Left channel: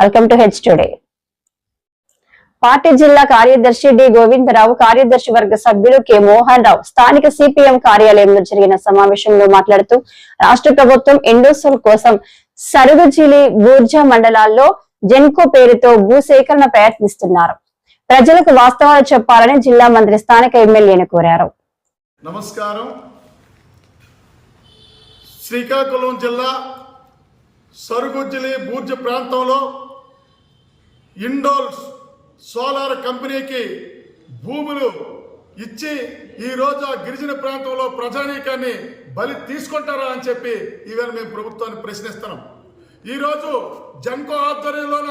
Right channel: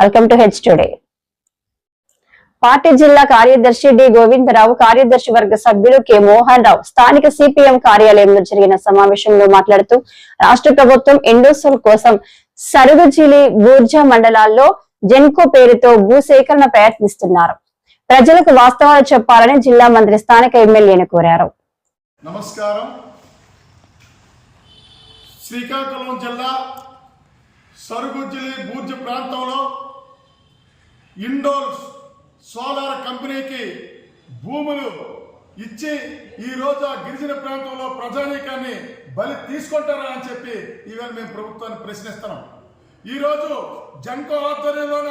Welcome to H today. Party జిల్లా కార్యదర్శి D Govindarao, కార్యదర్శి వర్గ సభ్యులు కె మోహన్ రావు స్థానిక సిపిఎం కార్యాలయంలో జరిగిన సమావేశంలో మాట్లాడుతూ రాష్ట్ర ప్రభుత్వం ఎండోసోల్ కోసం సరుగుజిలి, బూర్జా మండలాల్లో జెన్కో పేరుతో భూసేకరణ ప్రయత్నిస్తున్నారు. ప్రజలకు వాస్తవాలు చెప్పాలని జిల్లా మంత్రి స్థానిక ఎమ్మెల్యేను కోరారు. నమస్కారం. శ్రీకాకుళం జిల్లా సరుగుజిలి, బూర్జ ప్రాంతంలో ఇండోల్ సోలార్ కంపెనీకి భూములు ఇచ్చి ఈరోజు ఆ గిరిజన ప్రాంతంలో ప్రజానీకాన్ని బలి తీసుకుంటారా అని చెప్పి ఈవేళ మేము ప్రభుత్వాన్ని ప్రశ్నిస్తున్నాం. ఈరోజు జెన్కో ఆధ్వర్యంలోన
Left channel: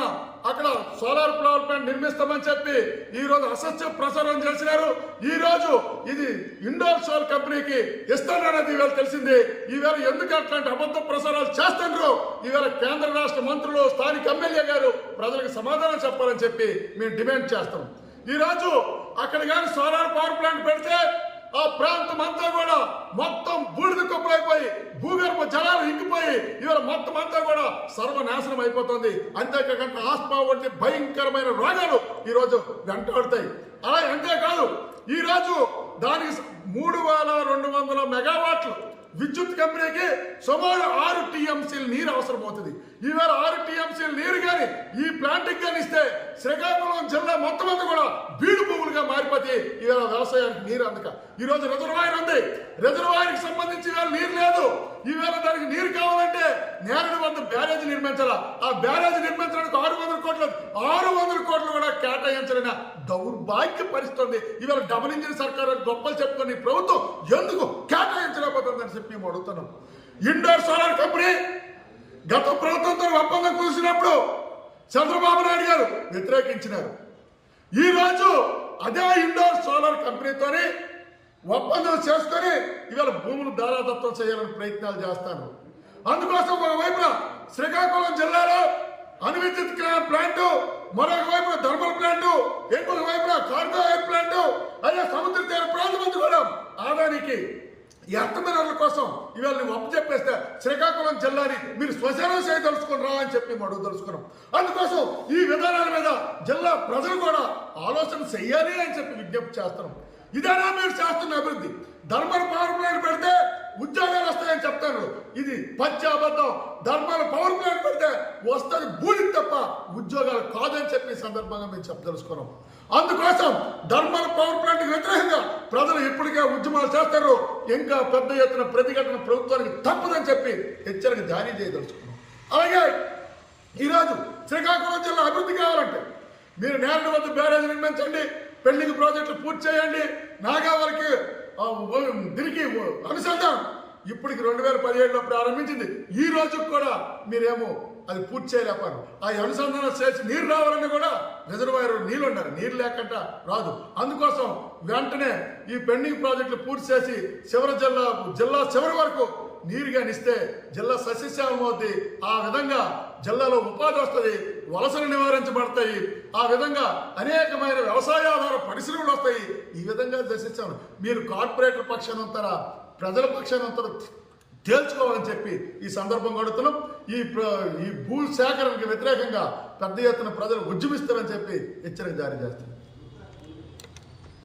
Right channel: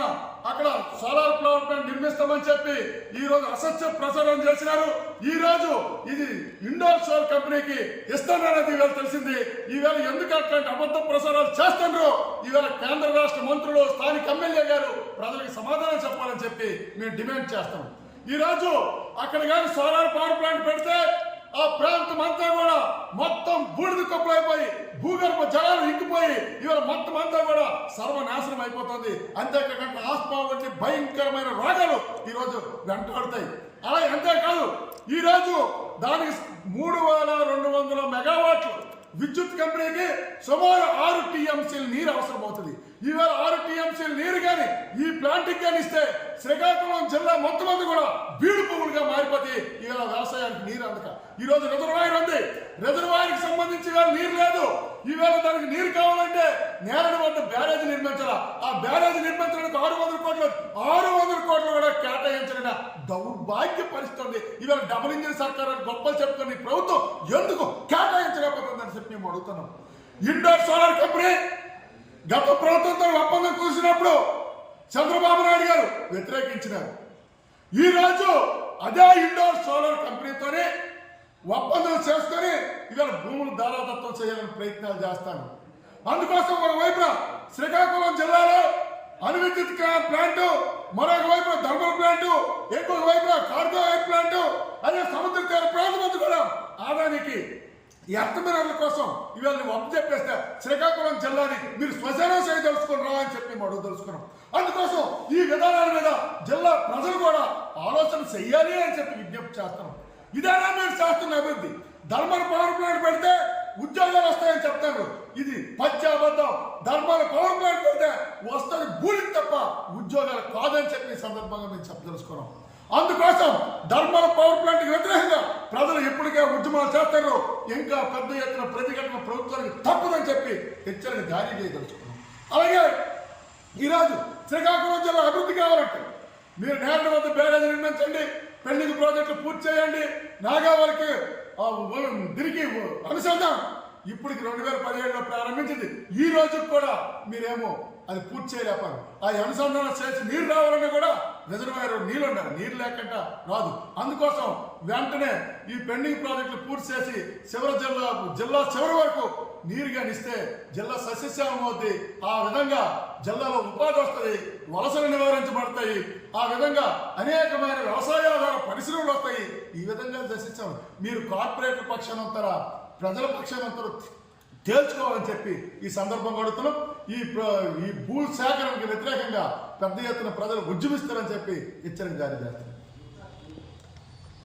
అక్కడ సోలార్ పవర్ ప్లాంట్ నిర్మిస్తామని చెప్పి ఈరోజు అసత్య ప్రచారం చేసినారు. ఈరోజు ఇది ఇండోర్ సోల్ కంపెనీకి ఇస్తానన్నది ఈవేళ తెలిసింది. ఈవేళ ఎందుకు అట్లాంటి అబద్ధ ప్రచారాలు చేస్తున్నారు? ఈవేళ కేంద్ర రాష్ట్ర మంత్రులు, స్థానిక ఎమ్మెల్యే గారు ప్రజలకు సమాధానం చెప్పాలని చెప్పి మేము డిమాండ్ చేస్తాం. ఈరోజు అక్కడ కానీ సోలార్ పవర్ ప్లాంట్ పెడితే ఆ ప్రాంతం అంతా కూడా మొత్తం బూడిద కుప్పలైపోయి భూగర్భ జలాలు ఇంకిపోయి ఇవాళ మొత్తం అంతా కూడా సర్వనాశనం అయిపోతుంది. అంతేకాకుండా ఆస్మా వంటి భయంకరమైన రోగాలు ఈరోజు వెంటాడుతాయి. అలా అంతేకాదు, ఈరోజు దానికి 3200 మెగావాట్లు విద్యుత్ కంపెనీకి సుమారు 6 టీఎంసీల నీరు అవసరం అవుతుంది. ఈవేళ 6 టీఎంసీల నీరు కానీ ఈ ప్లాంట్కి కానీ ఇస్తే శ్రీకాకుళం జిల్లా మొత్తం అంతా కూడా బీడు పువ్వులుగా మారిపోతే ఈవేళ వ్యవసాయానికి నీరు అందక ఈరోజు రిజర్వాయర్ ఉంది. రిజర్వాయర్కి సంబంధించి ఈవేళ నీరు లేదు. ఈవేళ దానికి నీరు కావాలంటే నేరడి వద్ద బ్యారేజ్ నిర్మించాలా. ఆ బ్యారేజ్ నిర్మించడానికి 600 కోట్లు కూడా కేటాయించలేని దౌర్భాగ్య పరిస్థితి. ఈవేళ డబుల్ ఇంజిన్ సర్కార్ గొప్పలు చెప్పుకొని ప్రభుత్వం ఎందుకు కేటాయించలేకపోతుందని చెప్పి మేము అడుగుతున్నాం. ఇండోర్ సోలార్ కంపెనీ గత ప్రభుత్వంతో ఒప్పందం కుదిసినప్పుడు చంద్రబాబు నాయుడు గారు వ్యతిరేకించినారు. ఈరోజు అదే ఇండోర్ సోలార్ కంపెనీతోనే ఒప్పందం చేసుకొని ఇవాళ భూములు దారాదత్తం చేయాలని ప్రయత్నాలు చేస్తాను. అందుకోసం ఒకవైపున శ్రీకాకుళం జిల్లాలో అణువిద్యుత్ ప్లాంటు, మరొక వైపున థర్మల్ ప్లాంటు, ఇంకొక వైపున కార్గో ఎయిర్ ప్లాంటు, అదే సముద్ర తీర ప్రాంతం అంతా కూడా ఆదానికి ఈ అర్థమినర్ల కోసం ఇవాళ నువ్వు అప్పు చెప్పేస్తే శ్రీకాకుళం జిల్లాని మీరు శ్మశానం చేయదలుచుకుని రా అని చెప్పి మేము అడుగుదలుచుకున్నాం. అందుకోసం ఈ విధానాల మీద జిల్లా ప్రజలు కూడా ఆలోచన చెయ్యాలి అని చెప్పి విజ్ఞప్తి చేస్తున్నాం. ఇదేనా మీరు చేస్తున్న అభివృద్ధి? థర్మల్ పవర్ ప్లాంట్ పెడితే ఉద్యోగాలు వస్తాయని చెప్తాను. ఇది పచ్చి అబద్ధం. థర్మల్ పవర్ ప్లాంట్ పెడితే వస్తుంది బూడిద తప్ప ఉద్యోగాలు కాదని చెప్పి ఈ సందర్భంగా మేము చెప్పదలుచుకున్నాం. అందుకోసం థర్మల్ పవర్ ప్లాంట్కి వ్యతిరేకంగా ప్రజలు ఇప్పటికే ఉద్యమాలు చేస్తారు. ఇంకా పెద్ద ఎత్తున ప్రతిఘటన ప్రభుత్వానికి తప్పదని చెప్పి హెచ్చరిక జారీ చేయదలుచుకున్నాం. అలాగే ఈరోజు శ్రీకాకుళం జిల్లా అభివృద్ధి కావాలంటే మీరు నేరడి వద్ద బ్యారేజ్ నిర్మించండి, పెండింగ్ ప్రాజెక్టులు పూర్తి చేయండి, నాగావళికి తిరిగి అనుసంధానం ఇప్పటికి 2017లో ప్రారంభించింది. ఈ రోజుకి కూడా మీరేమో అది పూర్తి చేయలేపారు. ఆ అనుసంధానం చేసి నీరు రావాలని కూడా రిజర్వాయర్ నీళ్ళు ఉండాలి. నీరు లేకుండా రాదు. అందుకోసం వెంటనే ఈ పెండింగ్ ప్రాజెక్టులు పూర్తి చేసి జిల్లా చివరి వరకు నీరు కానీ ఇస్తే జిల్లా సస్యశ్యామం అవుతుంది. ఆ విధంగా జిల్లాలో ఉపాధి వస్తుంది, వలసలు నివారించబడతాయి. ఆ విధంగా అనేకమైన వ్యవసాయాధార పరిశ్రమలు వస్తాయి. ఈ విధంగా సస్యశ్యామం. మీరు కార్పొరేటర్ పక్షాన ఉంటారా, ప్రజల పక్షాన ఉంటారో తేల్చుకోవాలని చెప్పి ఈ సందర్భంగా అడుగుతున్నాం. ఈ భూ సేకరణకు వ్యతిరేకంగా పెద్ద ఎత్తున ప్రజలు ఉద్యమిస్తారని చెప్పి హెచ్చరిక జారీ చేస్తున్నాం.